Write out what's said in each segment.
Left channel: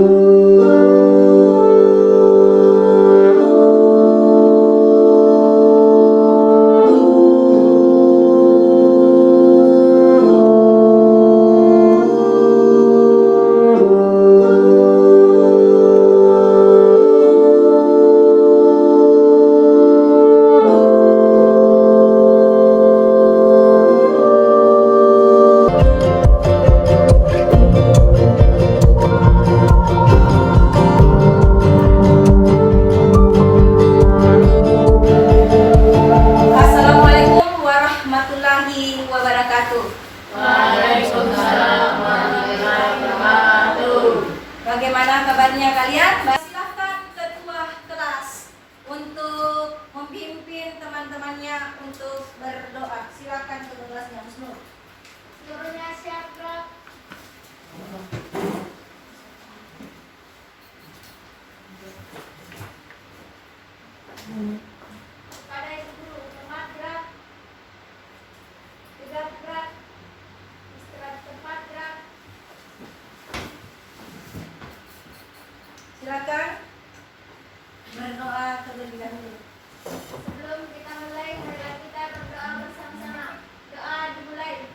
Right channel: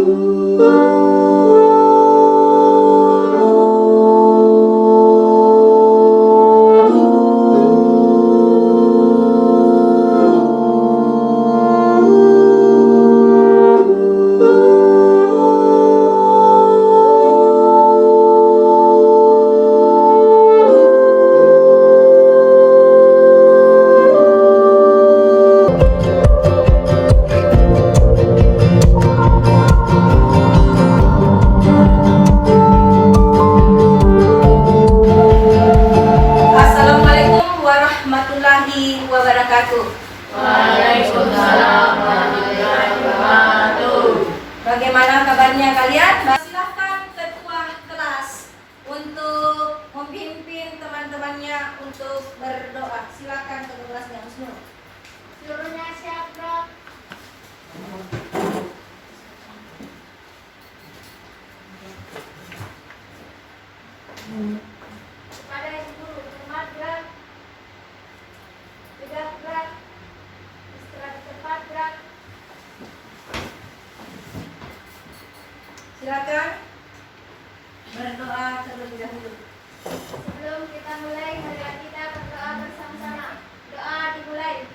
Assalamualaikum warahmatullahi wabarakatuh. Waalaikumsalam warahmatullahi wabarakatuh. Bagaimana kabarnya kalian? Silahkan ketua kelas untuk memimpin teman-temannya untuk berdoa. Silakan ketua kelasnya, Husnul. Seluruhnya siap, Prof. Kepada Ibu Guru, hormat gerak. Tegak gerak. Istirahat di tempat gerak. Silakan berdoa terlebih dahulu. Sebelum kita mulai, marilah kita berdoa bersama-sama. Doa dimulai.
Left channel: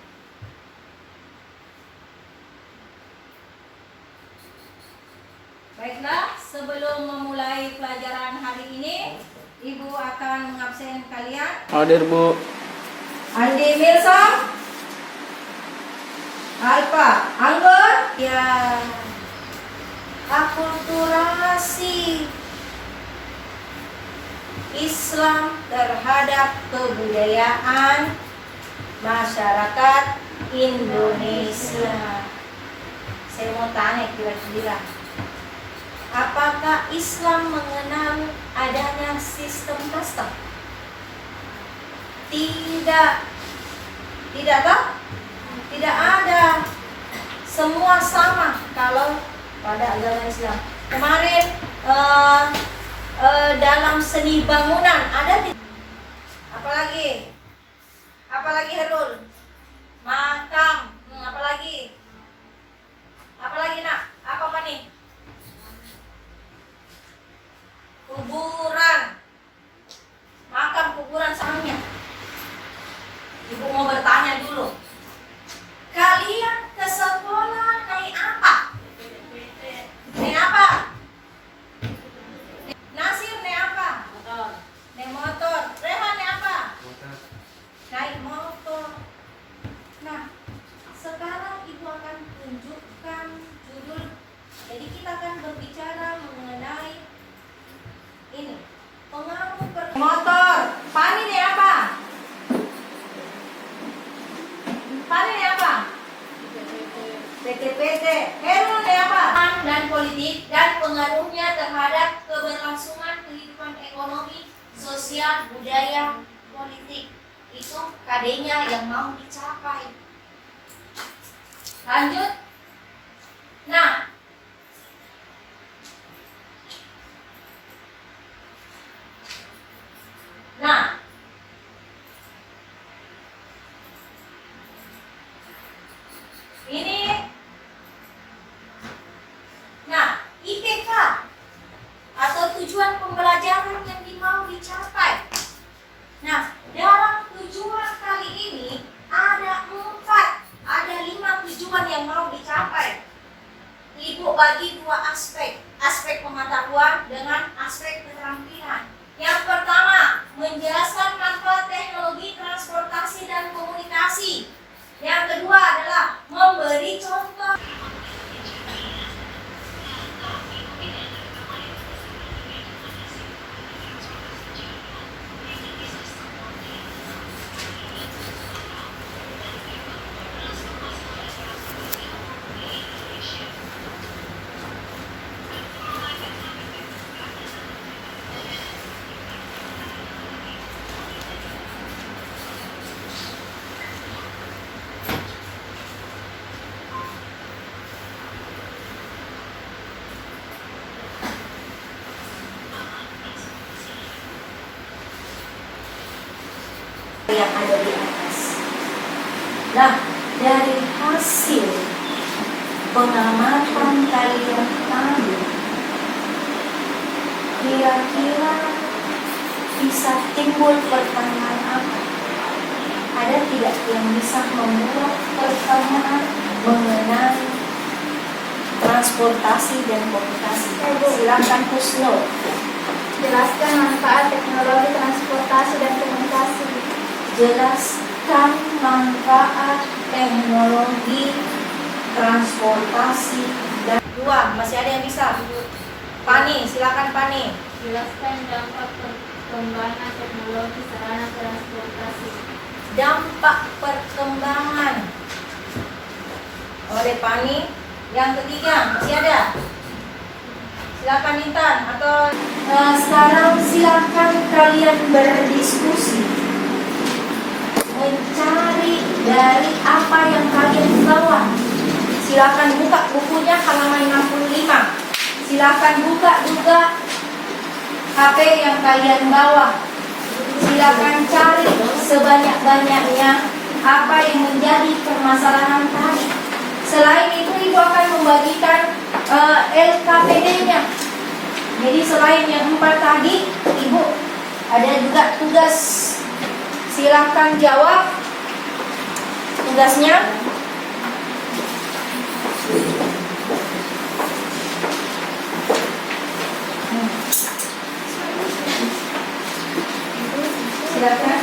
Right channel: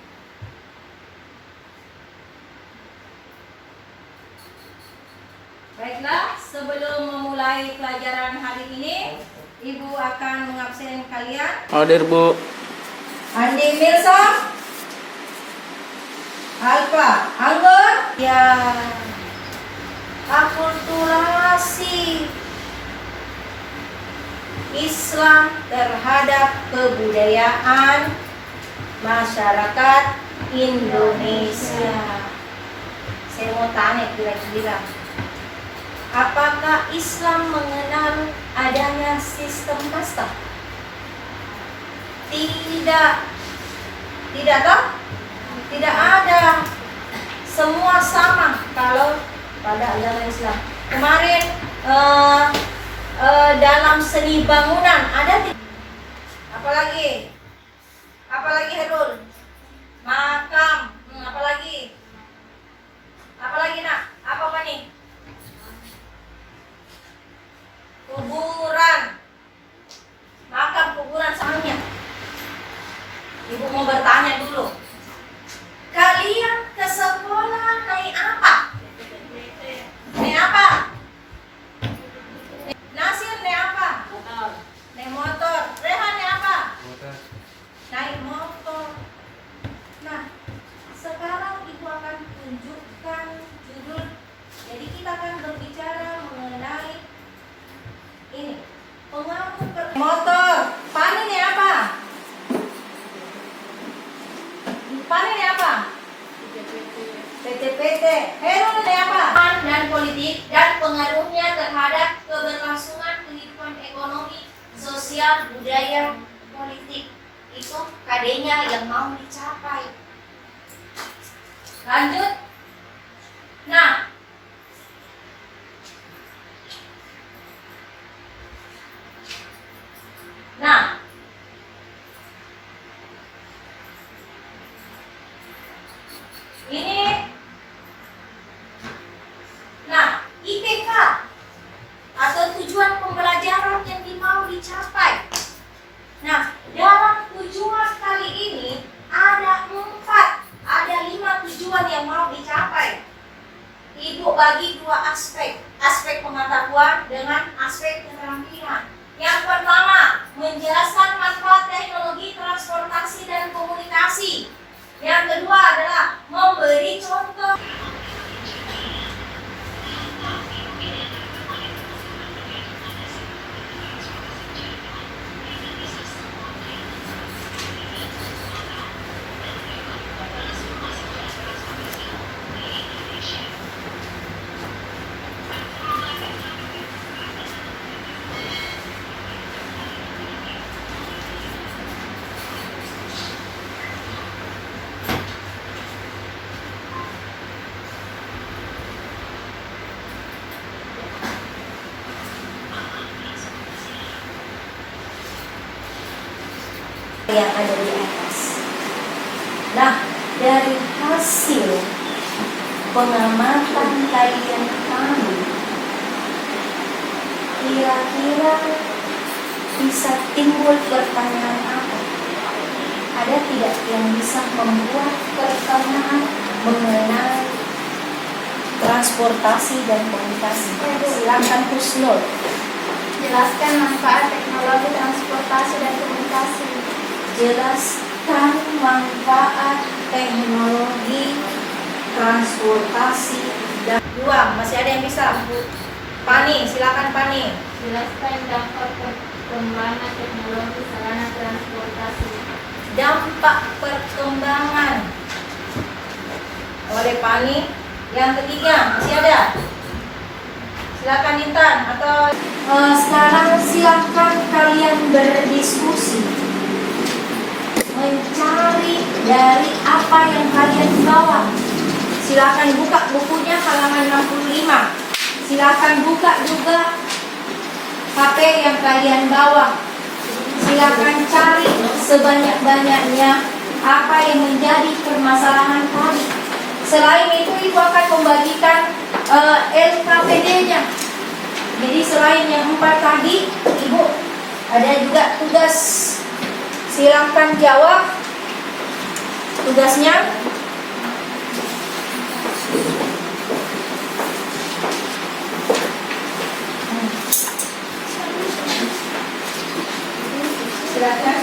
Baiklah, sebelum memulai pelajaran hari ini, Ibu akan mengabsen kalian. Hadir, Bu. Andi Milsom, Alfa Anggur, ya, akulturasi Islam terhadap kebudayaan masyarakat Indonesia. Saya mau tanya kira-kira, apakah Islam mengenal adanya sistem kasta? Tidak toh? Tidak ada. Semua sama kalau pada agama Islam. Kemarin dalam seni bangunan ada apalagi? Apalagi Herul? Makam. Apalagi? Apalagi nak? Apa nih? Kuburan. Makam, kuburan, samanya. Ibu mau bertanya dulu. Kalian ke sekolah naik apa? Naik apa? Nasir naik apa? Naik motor. Rehan naik apa? Naik motor. Nah, sekarang ibu akan tunjukkan judul. Jadi kita akan berbicara mengenai ini. Pengaruh motor. Pani naik apa? Pani naik apa? PT. Herul naik apa? Dan politik dan pengaruhnya terhadap keberlangsungan kehidupan ekonomi, sosial, budaya, politik. Itu KD-nya yang mau dicapai. Lanjut. Nah, ini. Nah, IPK atau tujuan pembelajaran yang mau dicapai. Nah, dalam tujuan kali ini ada 5 tujuan yang mau dicapai. Ibu bagi 2 aspek pengetahuan dengan aspek keterampilan. Yang pertama, menjelaskan manfaat teknologi transportasi dan komunikasi. Yang kedua adalah memberi contoh. Yang ada di atas. Nah, dari hasil pengamatan kajian kami timbul pertanyaan apa? Ada tidak yang bisa membuat pertanyaan mengenai transportasi dan komunikasi? Silakan Husnul. Jelaskan manfaat teknologi transportasi dan komunikasi. Jelaskan manfaat teknologi transportasi dan masih ada yang bisa? Pani, silakan Pani. Jelaskan dampak perkembangan teknologi sarana transportasi. Dampak perkembangan oleh Pani. Yang ketiga masih ada? Silakan Intan atau sekarang silakan kalian berdiskusi, mencari dari apa yang kalian bawa. Silakan buka bukunya halaman 65. Silakan buka juga HP yang kalian bawa. Silakan cari sebanyak-banyaknya apa yang menjadi permasalahan tadi. Selain itu, Ibu akan membagikan LKPD-nya. Jadi selain yang 4 tadi, Ibu ada juga tugas. Silakan jawab tugasnya. Silakan.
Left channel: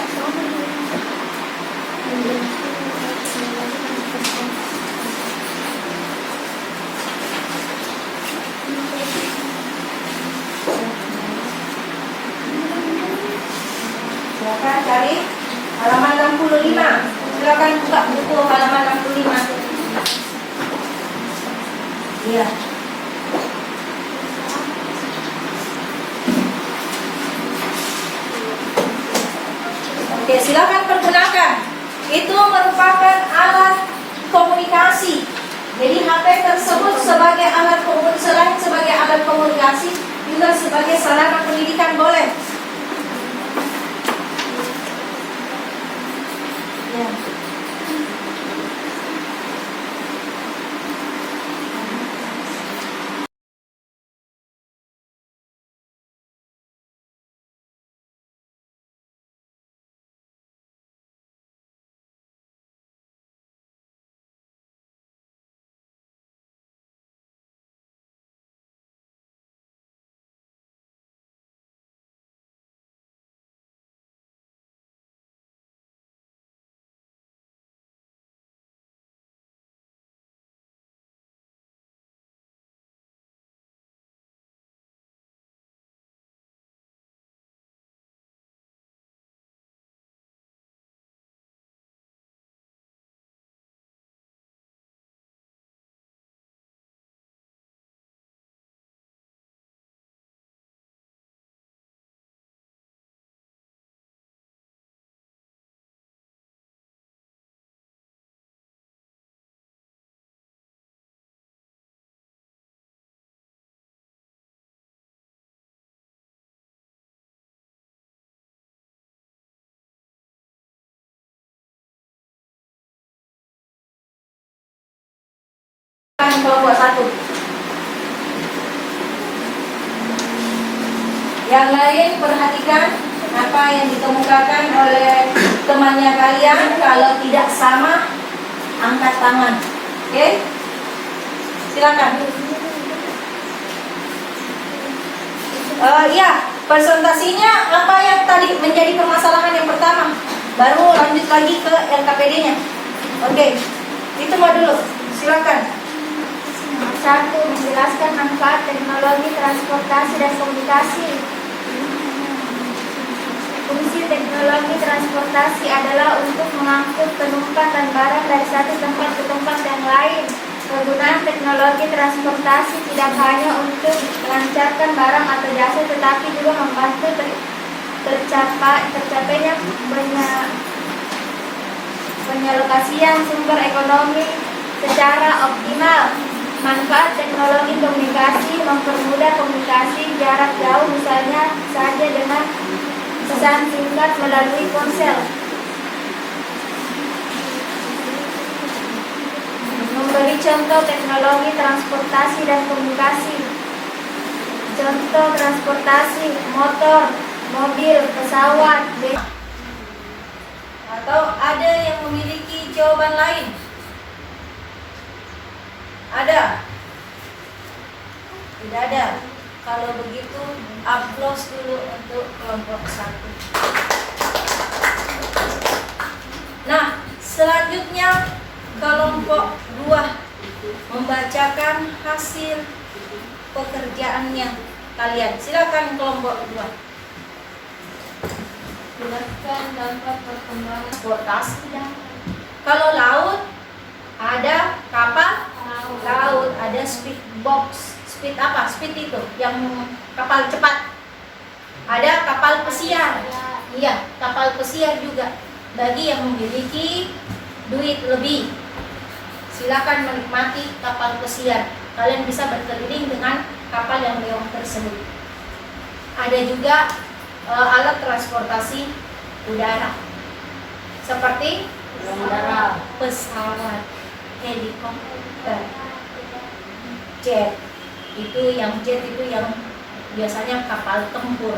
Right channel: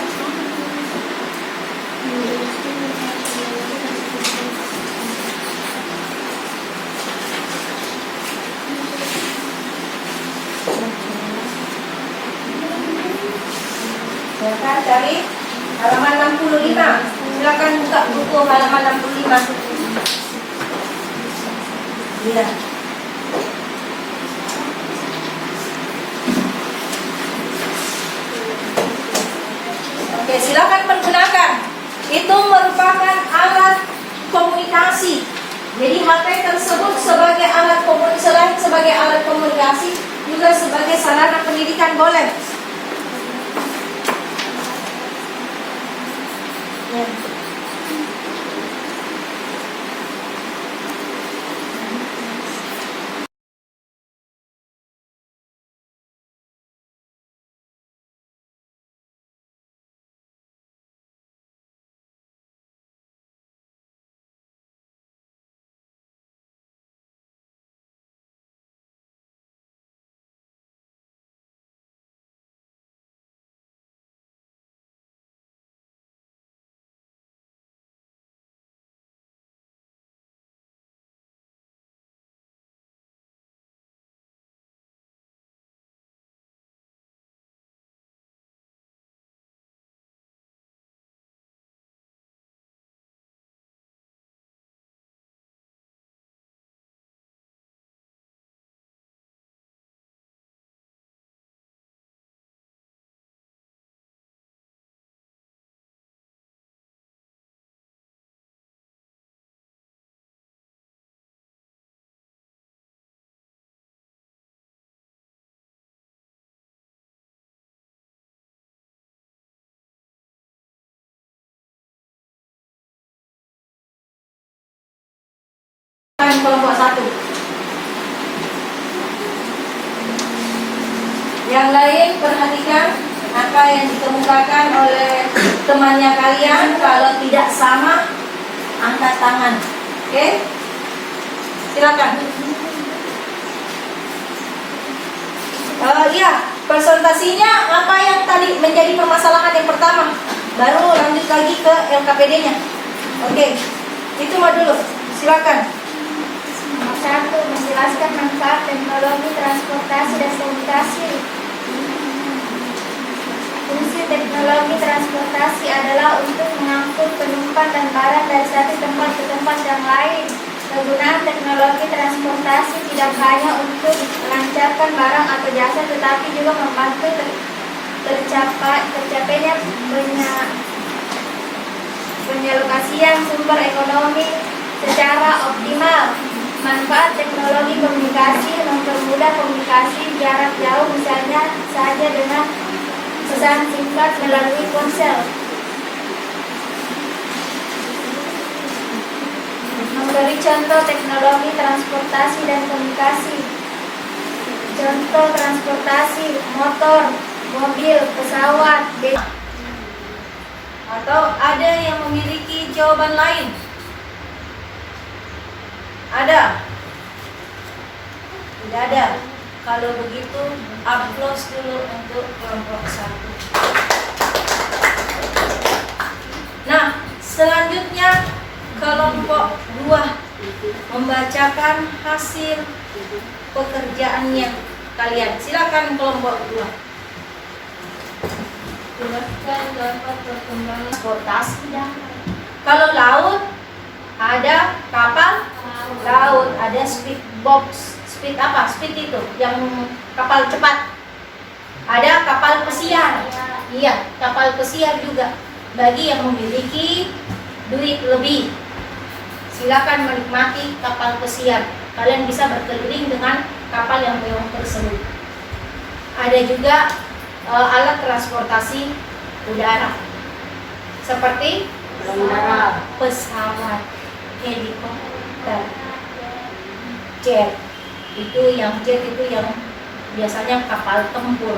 Silakan cari halaman 65. Silakan buka buku halaman 65. Iya. Oke, silakan pergunakan. Itu merupakan alat komunikasi. Jadi HP tersebut sebagai alat komunikasi, selain sebagai alat komunikasi, juga sebagai sarana pendidikan boleh. Ya. Kelompok 1. Yang lain perhatikan apa yang dikemukakan oleh temannya kalian. Kalau tidak sama, angkat tangan. Oke? Silakan. Ya, presentasinya apa yang tadi menjadi permasalahan yang pertama. Baru lanjut lagi ke LKPD-nya. Oke. Itu mah dulu. Silakan. Nomor 1, menjelaskan manfaat teknologi transportasi dan komunikasi. Fungsi teknologi transportasi adalah untuk mengangkut penumpang dan barang dari satu tempat ke tempat yang lain. Kegunaan teknologi transportasi tidak hanya untuk melancarkan barang atau jasa, tetapi juga membantu tercapainya penyalokasian sumber ekonomi secara optimal. Manfaat teknologi komunikasi mempermudah komunikasi jarak jauh, misalnya saja dengan pesan singkat melalui ponsel. Memberi contoh teknologi transportasi dan komunikasi. Contoh transportasi: motor, mobil, pesawat, Atau ada yang memiliki jawaban lain? Ada? Tidak ada. Kalau begitu, aplaus dulu untuk kelompok 1. Nah, selanjutnya kelompok 2 membacakan hasil pekerjaannya kalian. Silakan kelompok 2. jelaskan dampak perkembangan Transportasi darat. Kalau laut ada kapal laut, ada speedboat. Speed apa? Speed itu yang kapal cepat. Ada kapal pesiar. Iya, kapal pesiar juga. Bagi yang memiliki duit lebih, silakan menikmati kapal pesiar. Kalian bisa berkeliling dengan kapal yang mewah tersebut. Ada juga alat transportasi udara seperti pesawat, helikopter, jet. Jet itu yang biasanya kapal tempur.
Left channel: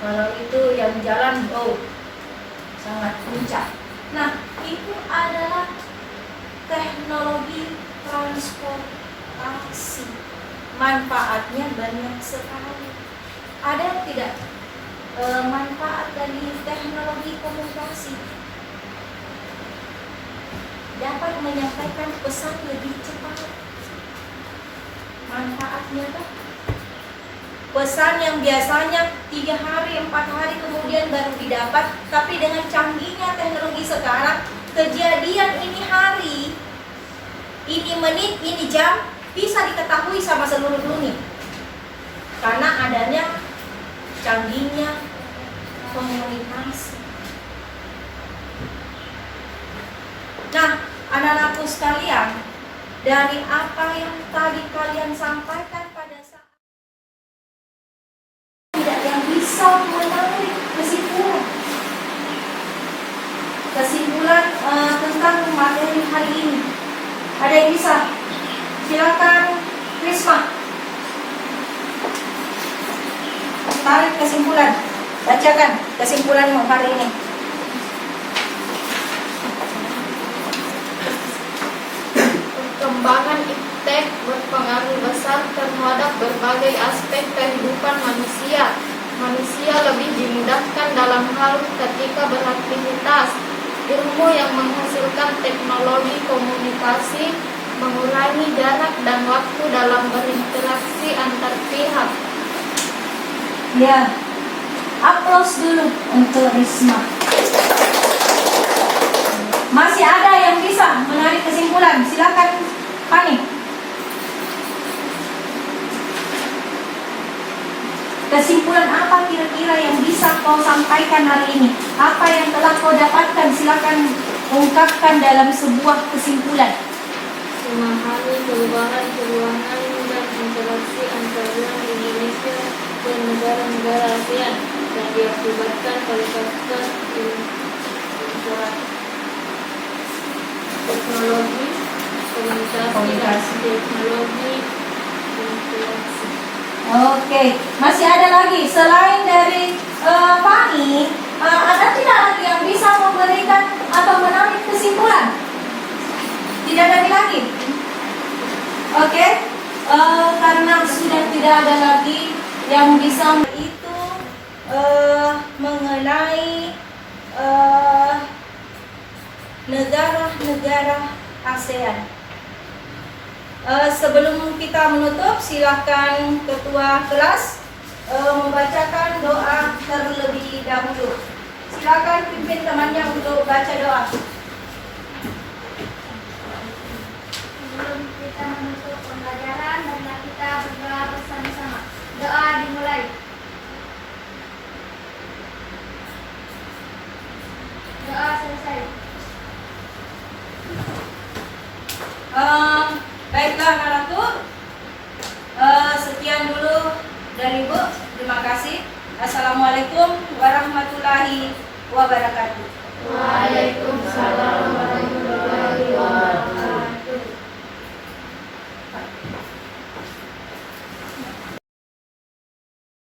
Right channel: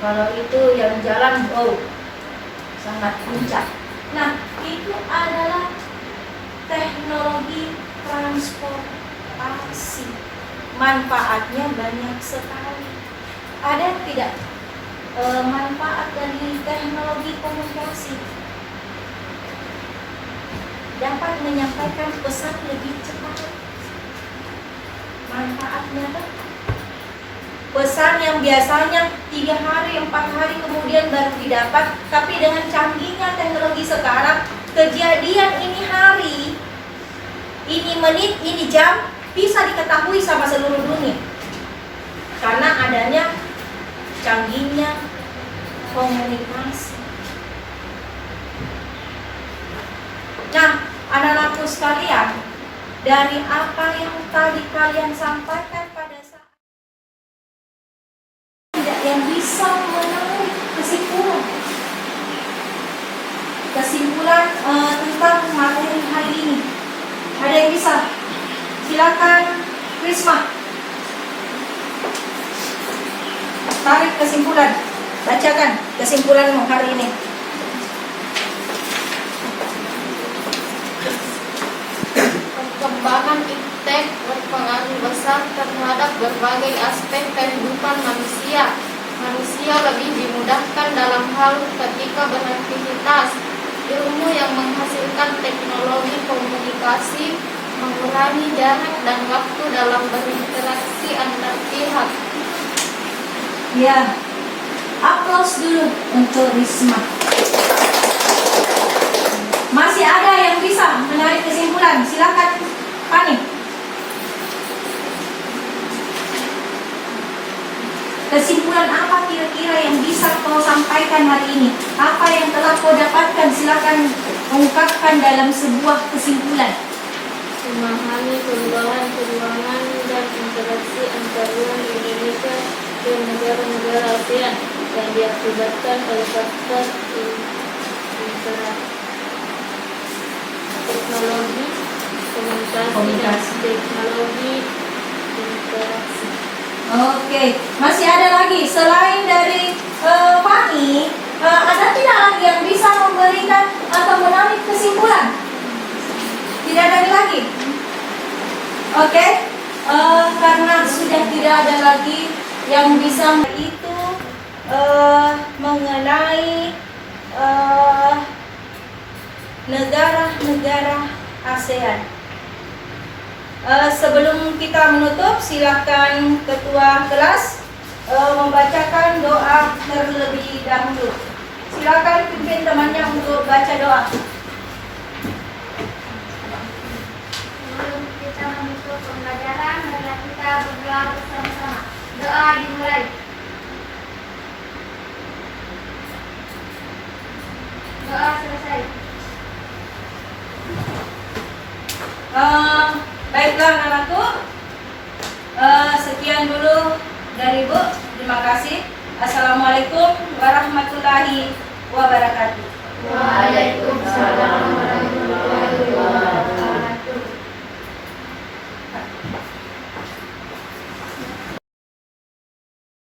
Kalau itu yang jalan sangat puncak. Nah, itu adalah teknologi transportasi. Manfaatnya banyak sekali. Ada tidak manfaat dari teknologi komunikasi? Dapat menyampaikan pesan lebih cepat. Manfaatnya tuh pesan yang biasanya 3 hari, 4 hari kemudian baru didapat, tapi dengan canggihnya teknologi sekarang, kejadian ini hari, ini menit, ini jam bisa diketahui sama seluruh dunia karena adanya canggihnya komunikasi. Nah, anak-anakku sekalian, dari apa yang tadi kalian sampaikan pada saat tidak yang bisa menarik kesimpulan tentang materi hari ini. Ada yang bisa? Silakan Risma. Tarik kesimpulan. Bacakan kesimpulanmu hari ini. Perkembangan iptek berpengaruh besar terhadap berbagai aspek kehidupan manusia. Manusia lebih dimudahkan dalam hal ketika beraktivitas. Ilmu yang menghasilkan teknologi komunikasi mengurangi jarak dan waktu dalam berinteraksi antar pihak. Ya, aplaus dulu untuk Risma. Masih ada yang bisa menarik kesimpulan? Silakan, Fani. Kesimpulan apa kira-kira yang bisa kau sampaikan hari ini? Apa yang telah kau dapatkan? Silakan ungkapkan dalam sebuah kesimpulan. Memahami perubahan dan interaksi antar ruang Indonesia ke negara-negara ASEAN yang diakibatkan oleh faktor interaksi teknologi komunikasi dan teknologi interaksi. Oke, masih ada lagi selain dari Fani, ada tidak lagi yang bisa memberikan atau menarik kesimpulan? Tidak ada lagi. Oke, karena sudah tidak ada lagi yang bisa itu mengenai negara-negara ASEAN. Sebelum kita menutup, silakan ketua kelas membacakan doa terlebih dahulu. Silakan pimpin temannya untuk baca doa. Sebelum kita menutup pembelajaran, marilah kita berdoa bersama-sama. Doa dimulai. Doa selesai. Baiklah anak-anakku, sekian dulu dari Bu. Terima kasih. Assalamualaikum warahmatullahi wabarakatuh. Waalaikumsalam.